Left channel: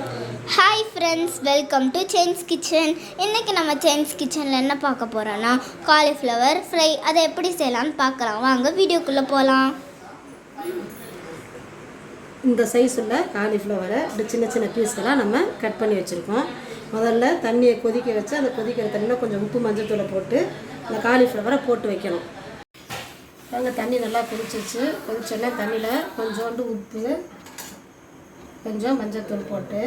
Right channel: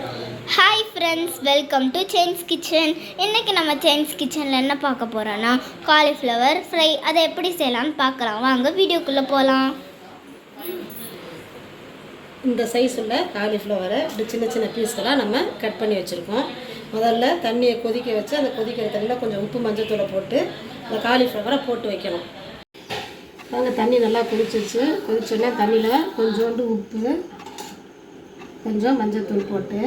Hi friends, welcome to chains kitchen. இன்றைக்கி நம்ம chains கிச்சனில் என்ன பார்க்க போகிறோன்னா காலிஃப்ளவர் ஃப்ரை. அதை எப்படி செய்யலான்னு பார்க்கலாம். வாங்க வீடியோக்குள்ளே போகலாம். இந்த சைஸில் காலிஃப்ளவரை இப்படி சின்ன சின்ன பீஸ்களாக நம்ம கட் பண்ணி வச்சுருக்கோம். முதல்ல தண்ணியை கொதிக்க வச்சு அந்த கொதிக்கிற தண்ணியில் கொஞ்சம் உப்பு மஞ்சத்தூளை போட்டு அந்த காலிஃப்ளவரை போட்டு வைக்கணும். அந்த தண்ணி நல்லா கொதிச்சிச்சு. கொதிச்சோடனே தண்ணியில் கொஞ்சோண்டு உப்பு, கொஞ்சம் மஞ்சத்தூள் போட்டு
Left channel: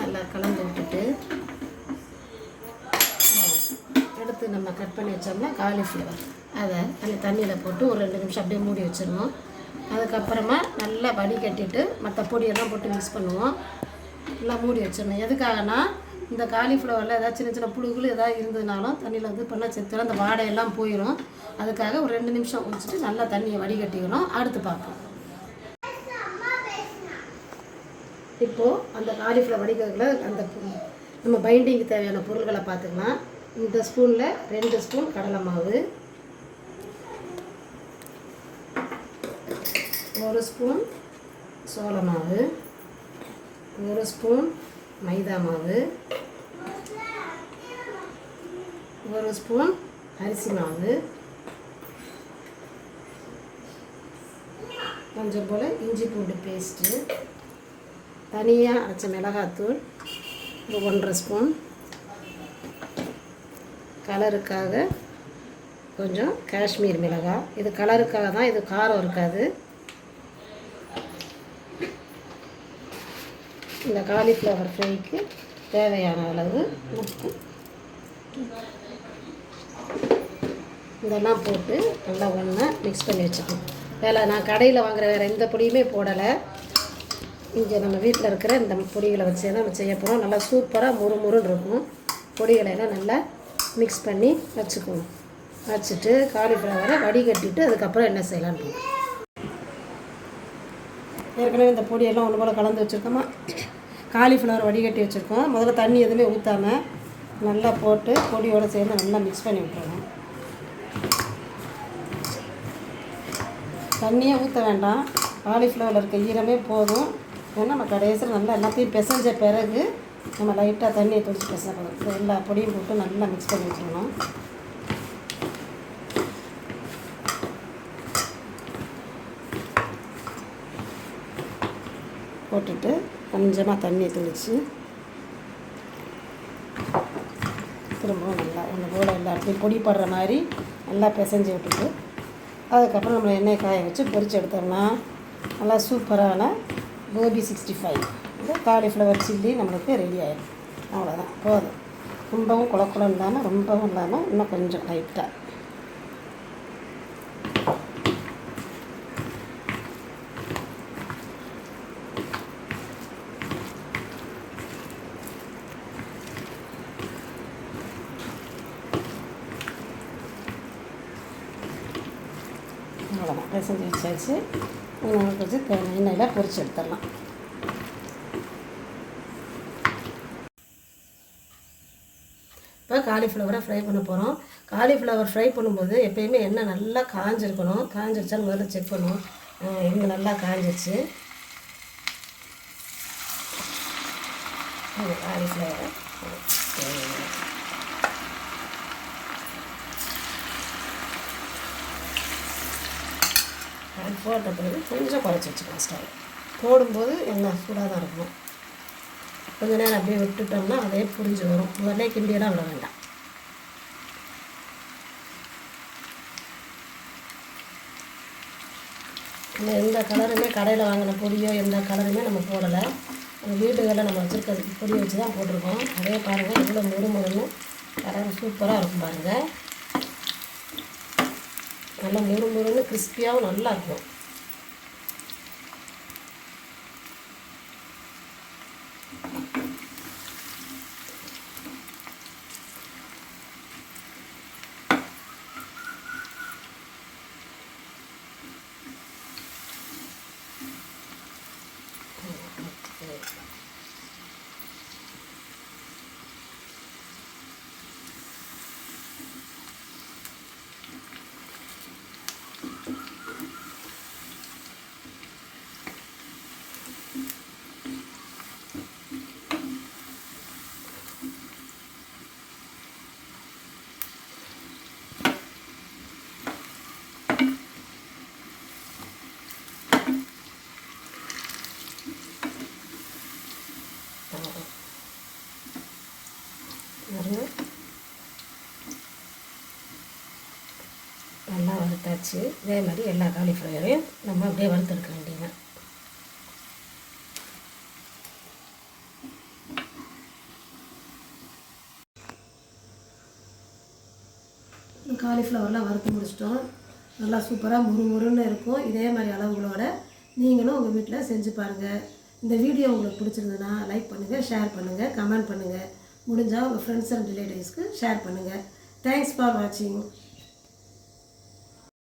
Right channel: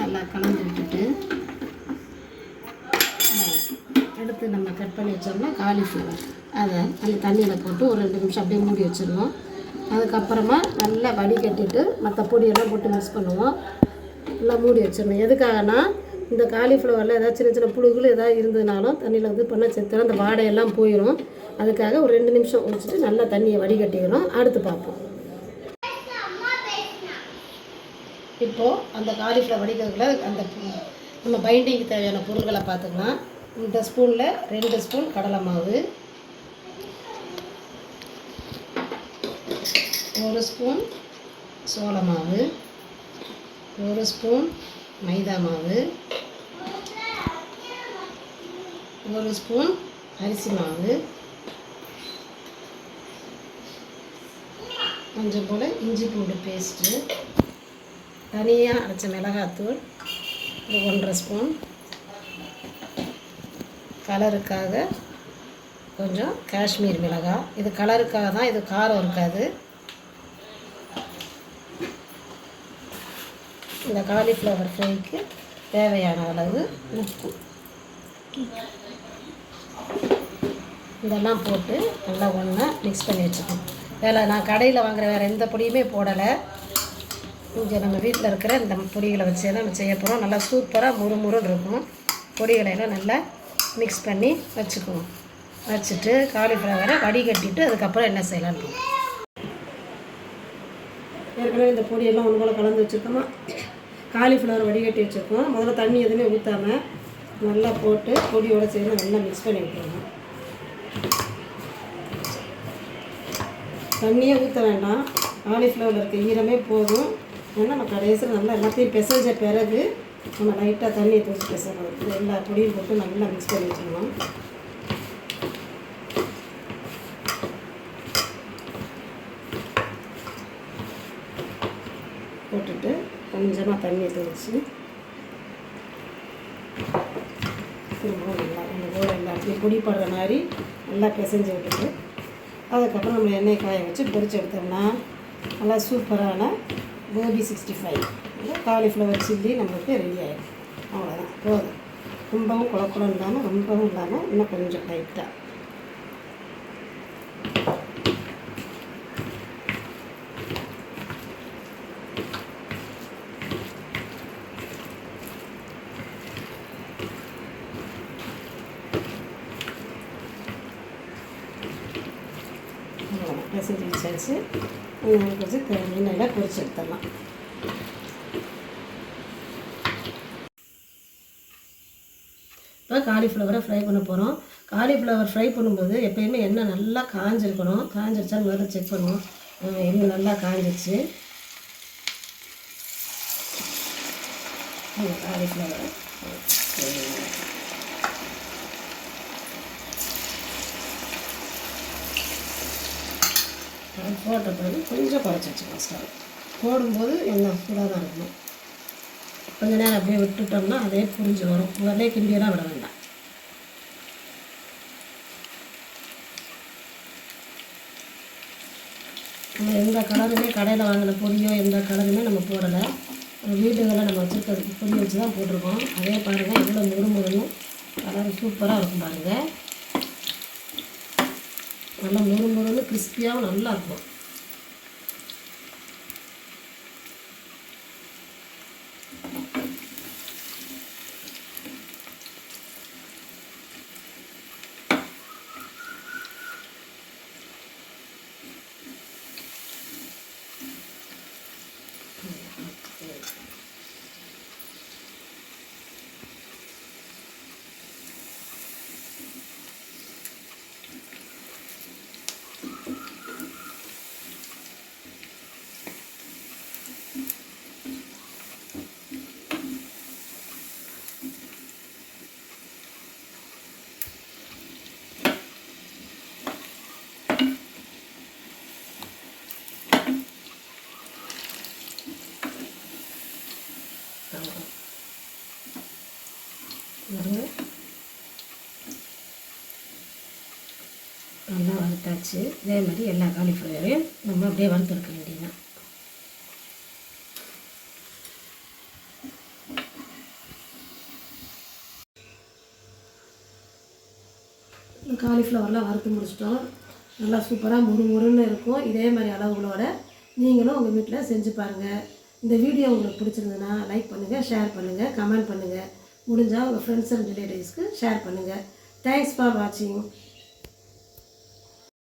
நல்லா கலந்து விட்டுட்டு அடுத்து நம்ம கட் பண்ணி வச்சோம்னா காலிஃப்ளவர் அதை தண்ணியில் போட்டு ஒரு 2 நிமிஷம் அப்படியே மூடி வச்சிடணும். அதுக்கப்புறமா நல்லா வடிகட்டிட்டு மற்ற பொடியெல்லாம் போட்டு மிக்ஸ் பண்ணுவோம். நல்லா மூடி வச்சிடணும். எதுக்காகனா இந்த காலிஃப்ளவரில் ஏதாவது சின்ன சின்ன புழுகள் ஏதாவது இருந்ததுனாலும் தண்ணியில் வந்து பண்ணால் செத்துடும், அந்த வாடையெல்லாம் போயிடும். அதுக்காக ஒரு 2 நிமிஷம் குடிச்சிட்டு நல்லா தண்ணியை வடிகட்டிக்கணும். அடுத்து பார்ப்போம். இப்போது அந்த காலிஃப்ளவர் வடிக்கிறதுல அந்த நம்ம பைண்டிங்க்கு தேவையான பொருட்களை பார்த்துக்கலாம். இந்த ஸ்பூனில் 2 ஸ்பூன் கடலை மாவு, 1 ஸ்பூன் சோள மாவு, 1 ஸ்பூன் மைதா மாவு, 1 ஸ்பூன் அரிசி மாவு, கொஞ்சம் போல் இஞ்சி பூண்டு பேஸ்ட்டு, தனியாக அரைச்ச மிளகாத்தூள் 1.5 ஸ்பூன், கலருக்காக கொஞ்சம் காஷ்மீர் மிளகாய். இது கலருக்காக தான், இது காரம் இருக்காது. இந்த காலிஃப்ளவர் ஃப்ரைக்கு தேவையான அளவு உப்பு இதெல்லாம் போட்டு நல்லா ஒன்றா மிக்ஸ் பண்ணி வச்சுக்கணும். நான் கடையில் வாங்குகிற வேறு எந்த பொடியுமே போடலை. இங்கே நம்ம வீட்டில் இருக்கிற இந்த பொடிகளை வச்சு தான் நம்ம செய்ய போகிறோம். நல்லா சூப்பராக முறுமுறுன்னு இருக்கும். பொடிகளையெல்லாம் நல்லா மிக்ஸ் பண்ணி வச்சுக்கணும். வச்சுட்டு காலிஃப்ளவரை வடிகட்டிட்டு அதுக்கப்புறம் என்ன செய்யலான்னு ஏற்கனவே இந்த பொடியெல்லாம் ஒன்று போல் கலந்து வச்சுருக்கோமா. காலிஃப்ளவர் வடிகட்டி வச்சுருக்கோம். முதல்ல தண்ணி எதுவுமே ஊற்றாமல் நல்லா போட்டு பொடியோடு சேர்ந்து நல்லா மிக்ஸ் பண்ணி விட்டுருவோம். தண்ணியே ஊற்ற வேண்டாம், காலிஃப்ளவரில் இருக்க ஈரமே போதும். ஏன்னா நம்ம கடைசியில் நல்லா எல்லாத்தையும் பிசைஞ்ச பிறகு நம்ம லைட்டாக தண்ணியை தொழிச்சு பிசைஞ்சோம். எல்லா பொடியும் போட்டு நல்லா மிக்ஸ் பண்ணி வச்சுக்கணும். போட்டுட்டு கொஞ்சமாக தண்ணியை தெளித்து திரும்பவும் நல்லா இந்த போல் எல்லாத்தையும் பொடி படுற மாதிரி நல்லா பிசைஞ்சு விட்டுட்டு அதுக்கப்புறம் நம்ம எண்ணெய் காய வச்சு பொரிச்சு எடுத்தோம்னா நல்லா சூப்பரான கோபி 65 காலிஃப்ளவர் சில்லி நம்மளுக்கு ரெடி ஆகிடும். அவ்வளோதான், போதும். ரொம்பவும் குழக்குளம் இல்லாமல் ரொம்பவும் இல்லாமல் இன்னும் கொஞ்சம் லைட்டாக பிசைஞ்சு வச்சாச்சு. வச்சு எண்ணெயில் பொரிச்சு எடுத்துடலாம். இப்போ காலிஃப்ளவரை ஃப்ரை பண்ண போகிறோம். காலிஃப்ளவர் ஃப்ரை பண்ணும்போது எப்போயுமே எண்ணெய் நல்லா காஞ்சிருக்கணும். காஞ்சிருச்சா முதல்ல செக் பண்ணுவோம். எண்ணெய் நல்லா காஞ்சிருச்சு. காலிஃப்ளவரை போட்ட பிறகு கொஞ்சம் குறைச்சி வச்சுக்கலாம். ஸ்டவ் போடும்போது எண்ணெய் சூடாக தான் இருக்கணும். கொஞ்சம் நேரம் அப்படியே விட்டுட்டோம்னா அதே புரிஞ்சு வரும். முதல்ல கிண்டியெல்லாம் விட வேண்டாம். நம்ம எந்த கலருமே கடையில் வாங்கின பொடியோ எந்த கலருமே நம்ம போடலை. வீட்டுகளில் நம்ம வச்சுருக்கிறதுக்கு பொடி வச்சு தான் போட்டிருக்கோம். அதே பாருங்கள் இவ்வளோ முறுமுறுன்னு கலர் சூப்பராக இருக்கும். பாருங்கள் நல்லா முறுமுறுன்னு கிறிஸ்பியாகவும் நல்லா இருக்கும். நல்லா வறுத்தாச்சு. இதே மாதிரி எல்லா காலிஃப்ளவரையும் நம்ம அப்படியே வறுத்துருக்க வேண்டியதான். காலிஃப்ளவர்லாம் வறுத்து முடிச்சிட்டோம். நல்லா சூப்பராக முறுமுறுன்னு இருக்கும். இதே மாதிரி அளவுகளோட நீங்களும் உங்கள் வீட்டில் செஞ்சு பாருங்கள். இந்த வீடியோ உங்களுக்கு பிடிச்சிருந்ததுன்னா லைக் பண்ணுங்கள், ஷேர் பண்ணுங்கள், கமெண்ட் பண்ணுங்கள். முடிஞ்சால் உங்கள் ஃப்ரெண்ட்ஸ் அண்ட் ரிலேட்டிவ்ஸ்க்கு ஷேர் பண்ணுங்கள். தேங்க்ஸ் ஃபார் வாட்சிங்.